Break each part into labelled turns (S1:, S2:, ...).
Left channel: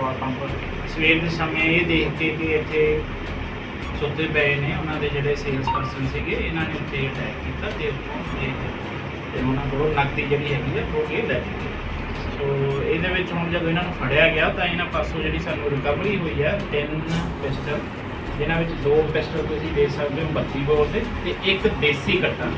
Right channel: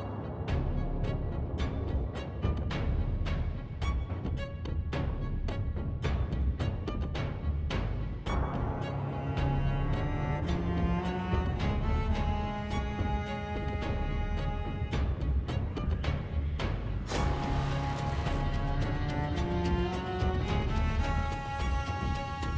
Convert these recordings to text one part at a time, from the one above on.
S1: Petrol pump ਸਵੇਰ ਦੇ ਸਮੇਂ ਇਹ ਦੇਖ ਕੇ ਕਿ ਇੱਥੇ ਸੁੱਤੇ ਪਏ ਨੇ ਉਹਨਾਂ ਦੇ ਜਿਹੜੇ ਸੇਲਸ ਪਰਸਨ ਸੀਗੇ, ਇਹਨਾਂ ਨੇ ਉੱਥੇ ਅਟੈਕ ਕੀਤਾ ਤੇ ਤੇ ਉਹਨਾਂ ਕੋਲ ਨਕਦੀ ਜਿਹੜੀ ਹੈਗੀ ਹੈ ਉਹ ਇਹ ਲੈ ਸੋ ਇਹਦੇ ਵਿੱਚ ਹੁਣ ਜਦੋਂ ਇਹਨਾਂ ਨੂੰ ਫੜਿਆ ਗਿਆ, ਤਾਂ ਇਹਨਾਂ ਪਾਸੋਂ ਜਿਹੜੀ ਸਾਨੂੰ ਰਿਕਵਰੀ ਹੋਈ ਹੈ ਤਿੰਨ ਪਿਸਟਲ ਜਿਨ੍ਹਾਂ ਵਿੱਚ ਦੋ ਪਿਸਟਲ ਤੁਸੀਂ ਦੇਖ ਸਕਦੇ ਹੋ 32 ਬੋਰ ਦੇ ਤੇ ਇੱਕ ਦੇਸੀ ਕੱਟਾ।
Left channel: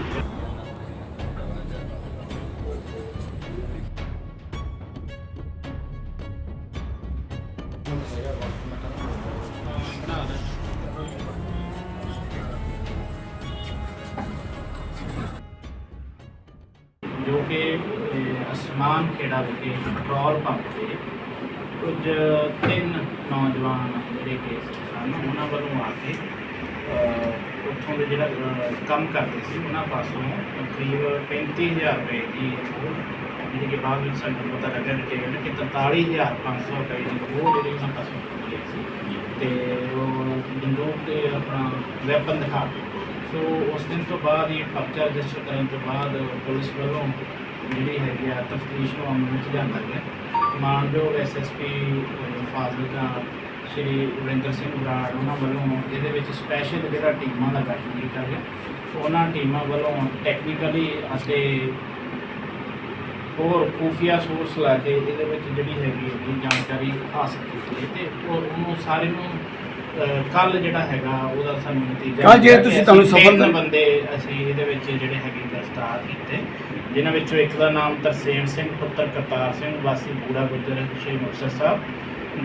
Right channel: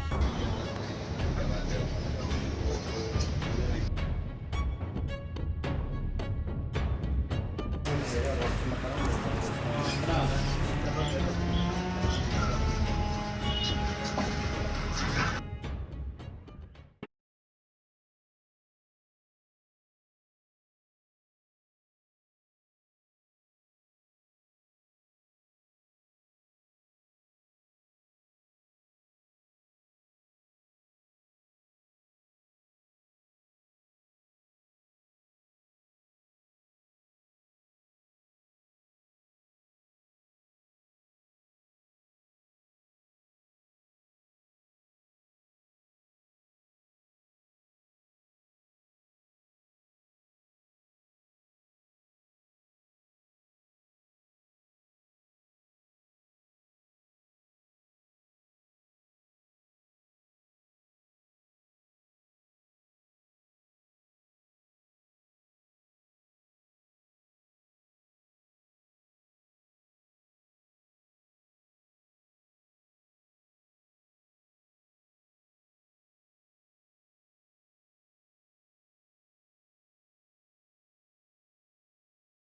S1: ਜੋ ਕਿ ਅਸਮਾਨ ਖੇੜਾ ਵਿਖੇ ਪੈਟਰੋਲ ਪੰਪ ਤੇ ਕੁਝ ਤਿੰਨ ਨੌਜਵਾਨ ਜਿਹੜੇ ਕਿ ਸਨ, ਉਹਨਾਂ ਵੱਲੋਂ ਆ ਕੇ ਉੱਥੋਂ ਦੇ ਜਿਹੜਾ ਕੰਮ ਕਰਦੇ ਸੀ, ਉਹਨਾਂ ਪਾਸੋਂ ਕਰੀਬ 35000 ਰੁਪਏ ਦੀ ਜਿਹੜੀ ਕਿ ਬਾਅਦ ਵਿੱਚ ਸਾਨੂੰ ਪਤਾ ਲੱਗਾ ਡਿਟੇਲ ਕਿ 43500 ਰੁਪਏ ਦੀ ਉਹ ਜਿਹੜੀ ਉਹਨਾਂ ਪਾਸੋਂ ਮਿਲੀ ਸੀ। ਤੇ ਉਹ ਬੰਦੂਕ ਤੇ ਆਪਣਾ ਵੈਪਨ ਦਿਖਾ ਕੇ। ਸੋ ਉਸ ਦਿਨ ਤੋਂ ਬਾਅਦ ਇਹ ਪਰਚਾ ਰਜਿਸਟਰ ਕਰਨ ਤੋਂ ਬਾਅਦ ਪੁਲਿਸ ਵੱਲੋਂ ਜਿਹੜੀ ਹੈਗੀ ਆ ਤਫਤੀਸ਼ ਨੂੰ ਅਮਲ ਵਿੱਚ ਲਿਆਂਦਾ ਗਿਆ। ਮਾਨਯੋਗ ਐਸਐਸਪੀ ਫਾਜ਼ਿਲਕਾ ਸ਼੍ਰੀ ਵਰਿੰਦਰ ਸਿੰਘ ਬਰਾੜ ਉਹਨਾਂ ਵੱਲੋਂ ਇਹਦੇ ਵਿੱਚ ਸਪੈਸ਼ਲ ਜਿਹੜਾ ਟੀਮਾਂ ਦਾ ਗਠਨ ਕੀਤਾ ਗਿਆ। ਉਹਨਾਂ ਟੀਮਾਂ ਵੱਲੋਂ ਟੈਕਨੀਕਲੀ ਅਤੇ ਹੋਰ ਖੂਫੀਆ ਸੋਰਸ ਲਾ ਕੇ ਇਹਦੇ ਵਿੱਚ ਜਿਹੜੀ ਹੈਗੀ ਹੈ ਜਾਣਕਾਰੀ ਹਾਸਲ ਕੀਤੀ ਹੈ ਤੇ ਉਹ ਉਹਨੂੰ ਸਾਰੇ ਨੂੰ ਕੱਲ ਜਿਹੜਾ ਹੈਗਾ ਉਹਦਾ ਸਾਨੂੰ ਨਤੀਜਾ
S2: ਕੱਲ੍ਹ ਜੇ ਤੁਸੀਂ ਤੁਹਾਨੂੰ ਸਫਲ-
S1: ਬੰਦੇ ਅਸੀਂ ਇਹਦੇ ਵਿੱਚ ਜਿਹੜੇ ਹੈਗੇ ਗ੍ਰਿਫਤਾਰ ਕੀਤੇ ਜਿਨ੍ਹਾਂ ਵਿੱਚੋਂ ਇੱਕ ਦਾ ਨਾਮ ਤਰਸੇਮ ਸਿੰਘ ਪੁੱਤਰ ਕਰਤਾਰ ਸਿੰਘ ਵਾਸੀ ਬੂੜਾ ਗੁੱਜਰ ਸ਼੍ਰੀ ਮੁਕਤਸਰ ਸਾਹਿਬ।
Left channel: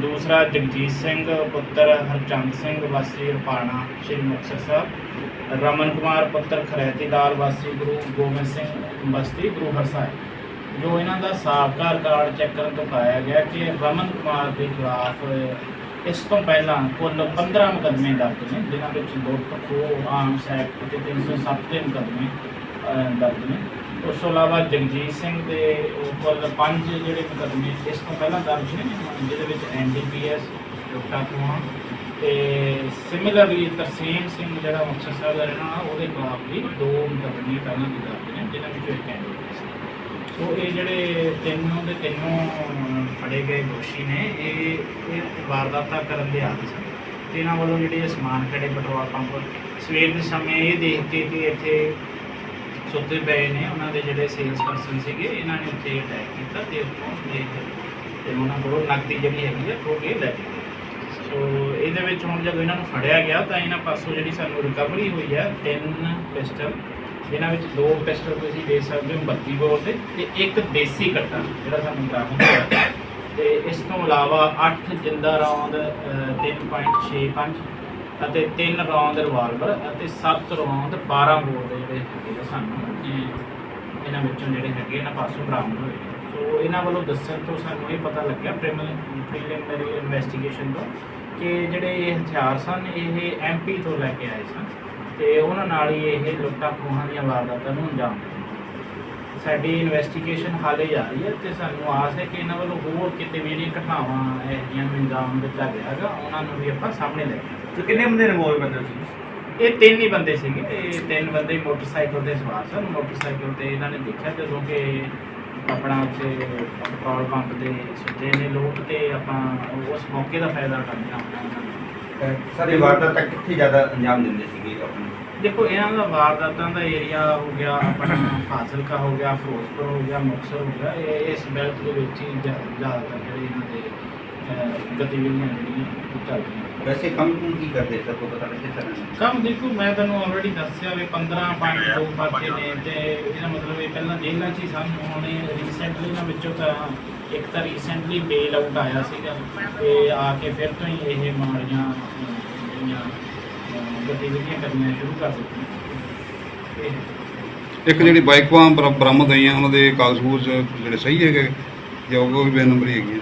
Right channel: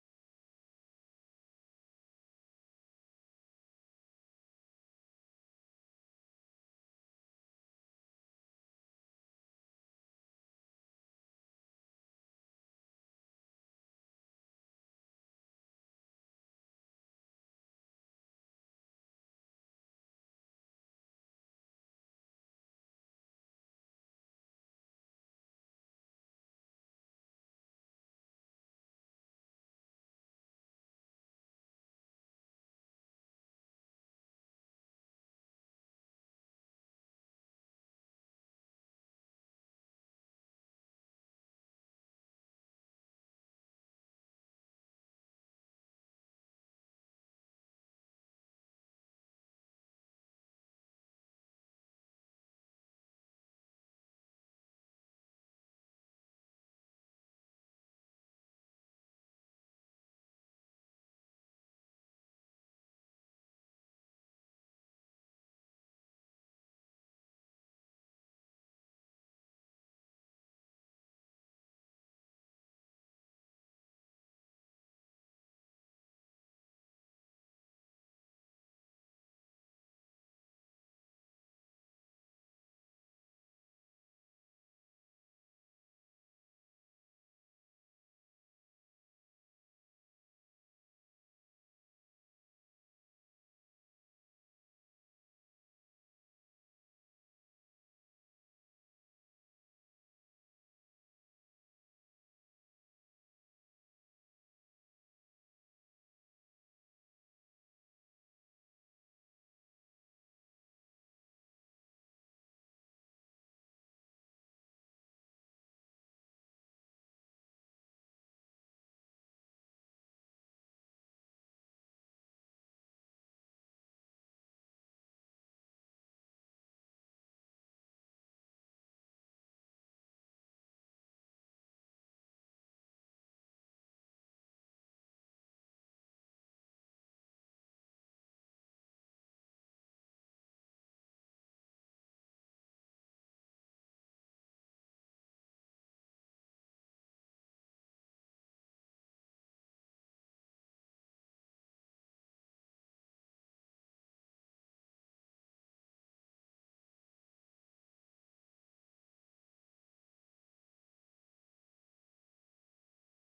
S1: ਦੂਸਰਾ ਜਗਜੀਤ ਸਿੰਘ ਪੁੱਤਰ ਹਰਚੰਦ ਸਿੰਘ ਵਾਸੀ ਰਪਾਣਾ ਸ਼੍ਰੀ ਮੁਕਤਸਰ ਸਾਹਿਬ। ਰਮਨ ਕੁਮਾਰ ਪੁੱਤਰ ਖਰੈਤੀ ਲਾਲ ਵਾਸੀ ਗੁਰੂ ਗੋਬਿੰਦ ਸਿੰਘ ਬਸਤੀ ਗੁਰੂ ਹਰਸਾਏ ਜੋ ਇਹਨਾਂ ਦਾ ਸਾਬਕਾ ਰਿਕਾਰਡ ਚੈੱਕ ਕਰਨ ਤੋਂ ਪਾਇਆ ਗਿਆ ਕਿ ਰਮਨ ਕੁਮਾਰ ਦੇ ਖਿਲਾਫ, ਇਸ ਤੋਂ ਪਹਿਲਾਂ ਕੁੱਲ 15 ਮੁਕੱਦਮੇ ਦਰਜ ਨੇ, ਜਿਨ੍ਹਾਂ ਵਿੱਚ ਲੁੱਟ ਖੋਹ ਆਰਮਸ ਐਕਟ ਤੇ 307 ਦੇ ਮੁਕੱਦਮੇ ਦਰਜ ਨੇ। ਉਸ ਤੋਂ ਇਲਾਵਾ ਜਗਜੀਤ ਸਿੰਘ ਦੇ ਕੁੱਲ ਪੰਜ ਜਿਹੜੇ ਮੁਕੱਦਮੇ ਇਸ ਤੋਂ ਪਹਿਲਾਂ ਦਰਜ ਨੇ, ਜਿਹਦੇ ਵਿੱਚ ਐਨਡੀਪੀਐਸ ਲੁੱਟਾਂ ਖੋਹਾਂ ਤੇ ਸਿਮਿਲਰਲੀ ਤਰਸੀਮ ਸਿੰਘ ਜਿਹੜਾ ਮੁਕਤਸਰ ਸਾਹਿਬ ਦਾ ਰਹਿਣਾ ਵਾਲਾ, ਉਹਦੇ ਖਿਲਾਫ ਵੀ ਦੋ ਮੁਕੱਦਮੇ ਪਹਿਲਾਂ ਦੇ ਦਰਜ ਨੇ, ਜਿਨ੍ਹਾਂ ਵਿੱਚੋਂ ਇੱਕ ਐਨਡੀਪੀਐਸ ਸੋ ਇਹ ਜਿਹੜੇ ਤਿੰਨੋਂ ਦੇ ਤਿੰਨੋਂ ਫੜੇ ਗਏ ਦੋਸ਼ੀ ਨੇ, ਇਹ ਇਹ ਵਾਰਦਾਤਾਂ ਕਰਨ ਦੇ ਆਦੀ ਸਨ। ਤੇ ਇਹਨਾਂ ਵੱਲੋਂ ਜਿਹੜੇ ਸਮਾਨ ਖੜੇ ਪੈਟਰੋਲ ਪੰਪ, ਸਵੇਰ ਦੇ ਸਮੇਂ ਇਹ ਦੇਖ ਕੇ ਕਿ ਇੱਥੇ ਸੁੱਤੇ ਪਏ ਨੇ, ਉਹਨਾਂ ਦੇ ਜਿਹੜੇ ਸੇਲਸ ਪਰਸਨ ਸੀਗੇ, ਇਹਨਾਂ ਨੇ ਉੱਥੇ ਅਟੈਕ ਕੀਤਾ ਤੇ ਉੱਥੋਂ ਦੇ ਤੇ ਉਹਨਾਂ ਕੋਲੋਂ ਨਕਦੀ ਜਿਹੜੀ ਹੈਗੀ ਹੈ ਉਹ ਇਹ ਲੈ ਗਏ। ਸੋ ਇਹਦੇ ਵਿੱਚ ਹੁਣ ਜਦੋਂ ਇਹਨਾਂ ਨੂੰ ਫੜਿਆ ਗਿਆ, ਤਾਂ ਇਹਨਾਂ ਪਾਸੋਂ ਜਿਹੜੀ ਸਾਨੂੰ ਰਿਕਵਰੀ ਹੋਈ ਹੈ ਤਿੰਨ ਪਿਸਟਲ ਜਿਨ੍ਹਾਂ ਵਿੱਚ ਦੋ ਪਿਸਟਲ ਤੁਸੀਂ ਦੇਖ ਸਕਦੇ ਹੋ 32 ਬੋਰ ਦੇ ਤੇ ਇੱਕ ਦੇਸੀ ਕੱਟਾ, ਜਿਹੜਾ ਸਾਨੂੰ ਬਰਾਮਦ ਹੋਇਆ ਤੇ ਇਸ ਤੋਂ ਇਲਾਵਾ 8 ਜਿੰਦਾ ਰੌਂਦ 3.65 ਅਤੇ 3 ਰੌਂਦ ਰਿਵਾਲਵਰ ਅਤੇ 7 ਰੌਂਦ 12 ਬੋਰ ਦੇ ਜਿਹੜੇ ਹੈਗੇ ਆ ਸਾਨੂੰ ਇਹਨਾਂ ਵਿੱਚੋਂ ਜਿਹੜੇ ਹੈਗੇ ਇਹਨਾਂ ਪਾਸੋਂ ਬਰਾਮਦ ਹੋਏ ਨੇ। ਸੋ ਇਹਨਾਂ ਵੱਲੋਂ ਦੱਸਣ ਤੋਂ ਸਾਨੂੰ ਇਹ ਪਤਾ ਲੱਗਿਆ ਪ੍ਰੀਲਿਮਿਨਰੀ ਇਨਵੈਸਟੀਗੇਸ਼ਨ ਤੋਂ ਕਿ ਜਿਹੜੇ ਇਹ ਹਥਿਆਰ ਸਨ, ਇਹ ਐਮਪੀ ਤੋਂ ਲੈ ਕੇ ਆਏ ਸਨ ਤੇ ਉਹਨਾਂ ਨਾਲ ਹੀ ਇਹ ਲੁੱਟਾਂ ਖੋਹਾਂ ਦੀਆਂ ਵਾਰਦਾਤਾਂ ਨੂੰ ਅੰਜਾਮ ਦਿੱਤਾ ਸਾਡੀ ਇਨਵੈਸਟੀਗੇਸ਼ਨ ਹਾਲੇ ਜਾਰੀ ਹੈ ਤੇ ਸਾਨੂੰ ਆਸ ਹੈ ਕਿ ਇਹਨਾਂ ਵੱਲੋਂ ਹੋਰ ਕਿਤੇ ਵੀ ਜਿਹੜੀਆਂ ਘਟਨਾਵਾਂ ਇਹ ਜਿਹੀਆਂ ਨੂੰ ਅੰਜਾਮ ਦਿੱਤਾ ਗਿਆ ਹੈਗਾ ਉਹਨਾਂ ਨੂੰ ਵੀ ਆਪਾਂ ਸਾਹਮਣੇ ਲੈ ਕੇ। ਤੇ ਕਿੰਨੇ ਬੰਦੇ ਇਨਵੋਲਵ ਬੰਦੇ ਸੀ? ਇਹ ਤਿੰਨ ਹੀ ਬੰਦੇ ਸੀਗੇ ਇਹ ਤਿੰਨ ਬੰਦੇ ਮੋਟਰਸਾਈਕਲ ਤੇ ਸਵਾਰ ਸਨ। ਮੋਟਰਸਾਈਕਲ ਤੇ ਇਹਨਾਂ ਨੇ ਦੇਖਿਆ ਜਦੋਂ ਕਿ ਆਪਣਾ ਉੱਥੇ ਪੈਟਰੋਲ ਪੰਪ ਤੇ ਸੁੱਤੇ ਨੇ ਲੋਕ ਤੇ ਆਪਾਂ ਉਸ ਮੌਕੇ ਦਾ ਫਾਇਦਾ ਕਰਦੇ ਹਾਂ। ਦਾ
S2: ਸਰ ਵਾਰਦਾਤ ਤੱਕ ਕਿੱਥੇ ਜ਼ਿਆਦਾ ਅੰਜਾਮ ਦਿੰਦੇ ਸੀਗੇ ਆਪਣੇ?
S1: ਦੇਖੋ ਇਹਨਾਂ ਦਾ ਵਾਰਦਾਤਾਂ ਦਾ ਏਰੀਆ ਹੋ ਗਿਆ ਆਪਣਾ ਫਾਜ਼ਿਲਕਾ ਹੋ ਗਿਆ ਫਿਰੋਜ਼ਪੁਰ ਹੋ ਗਿਆ ਮੁਕਤਸਰ ਹੋ ਗਿਆ ਇਹ ਇਸ ਬੈਲਟ ਦੇ ਵਿੱਚ ਹੀ ਜ਼ਿਆ- ਜ਼ਿਆਦਾਤਰ ਜਿਹੜੇ ਇਹਨਾਂ ਦੇ ਅਹ, ਗਤੀਵਿਧੀਆਂ ਜਿਹੜੀਆਂ ਉਹ
S2: ਚੱਲਦੀਆਂ ਵੈਸੇ ਕੰਮ ਕੁਮ ਕੀ ਕਰਦੇ ਸਰ? ਕੋ ਪਤਾ ਲੱਗੇ ਸਰ?
S1: ਕੰਮ ਦੇਖੋ ਮੈਂ ਤੁਹਾਨੂੰ ਆਲਰੇਡੀ ਦੱਸਿਆ ਵੀ 15 ਪੁਆਇੰਟ ਦੋ ਪਰਚੇ ਨੇ ਤੇ ਇਹਦਾ ਮਤਲਬ ਇਹ ਪਹਿਲਾਂ ਜੇਲ੍ਹਾਂ 'ਚ ਹੀ ਸਨ ਹੁਣ ਰੀਸੈਂਟਲੀ ਇਹਨਾਂ ਵਿੱਚੋਂ ਤਾਂ ਇੱਕ ਤਾਂ ਰੀਸੈਂਟਲੀ ਬੇਲ ਆਊਟ ਆਇਆ ਸੀਗਾ ਤੇ ਆ ਕੇ ਫਿਰ ਤੋਂ ਹੀ ਇਹ ਮਾੜੀਆਂ ਜਿਹੜੀਆਂ ਗਤੀਵਿਧੀਆਂ ਕਰਨੀਆਂ ਸ਼ੁਰੂ ਕਰ ਦਿੱਤੀਆਂ।
S2: ਇੱਕ ਜਿਹੜੀ ਬਾਈਕ ਬਰਾਮਦ ਹੋਈਆਂ ਉਹਨਾਂ ਦੇ ਕਾਗਜ਼ ਜਿਹੜੇ ਸਹੀ ਹੈਗੇ ਜਾਂ ਉਹ ਵੀ ਬੇਨੰਬਰੀ ਹੈਗੀ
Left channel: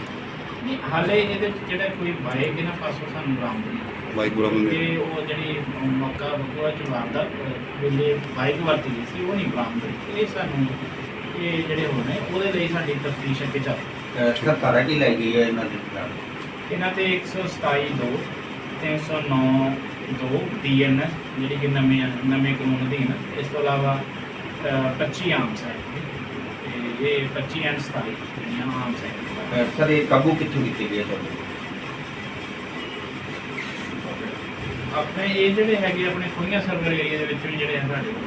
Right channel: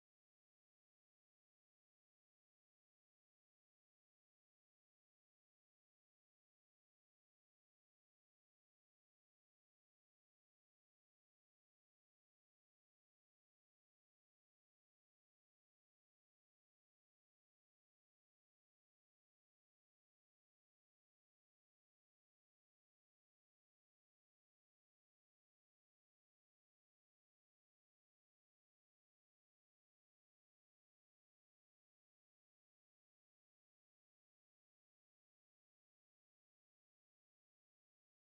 S1: ਨਹੀਂ, ਹਾਲੇ ਇਹਦੇ ਜਿਹੜਾ ਕੋਈ ਬਾਈਕ ਇਹਨਾਂ ਪਾਸੋਂ ਸਾਨੂੰ ਬਰਾਮਦ ਨਹੀਂ
S2: ਬਾਈਕ ਬਰਾਮਦ ਹੋਈ।
S1: ਉਹ ਜਿਹੜੀ ਮੌਕਾ ਬਕਵਾ ਚ ਵਾਰਦਾ ਵੇਲੇ ਬਾਈਕ ਵਰਤੀ ਸੀ ਉਹ ਨਹੀਂ ਬਰਾਮਦ ਇਹ ਸਾਨੂੰ ਇਹ ਜਿਹੜੇ ਹੋਣੇ ਉਹਦੇ ਲਈ ਸਾਡੀ ਤਫਤੀਸ਼ ਅੱਗੇ ਚੱਲ
S2: 77 ਕੀ ਲੈ ਗਈ ਹੈ ਇਹਨਾਂ ਦੇ ਖਿਲਾਫ?
S1: ਇਹਨਾਂ ਤੇ 127 2 309 2 DN ਜਿਹੜੀ ਕਿ ਨਵੇਂ ਨਵੇਂ ਕਾਨੂੰਨ ਅਧੀਨ ਇਸ ਤੋਂ ਇਲਾਵਾ 25 ਆਮ ਹੈ। ਇਹ 25 ਆਮ ਹੈ।
S2: ਸਰ ਇਹ ਕਾਬੂ ਕਿੱਥੋਂ ਕੀਤੀ
S1: ਆਪਣੇ ਇਹ ਜਿਹੜੇ ਹੈਗੇ ਆਪਣੇ ਖੋਈਆਂ ਸਰਵਰ ਏਰੀਆ ਦੇ ਵਿੱਚ ਵੀ ਜਿਹੜੇ ਹੈ ਸਾਡੇ ਕੋਲ।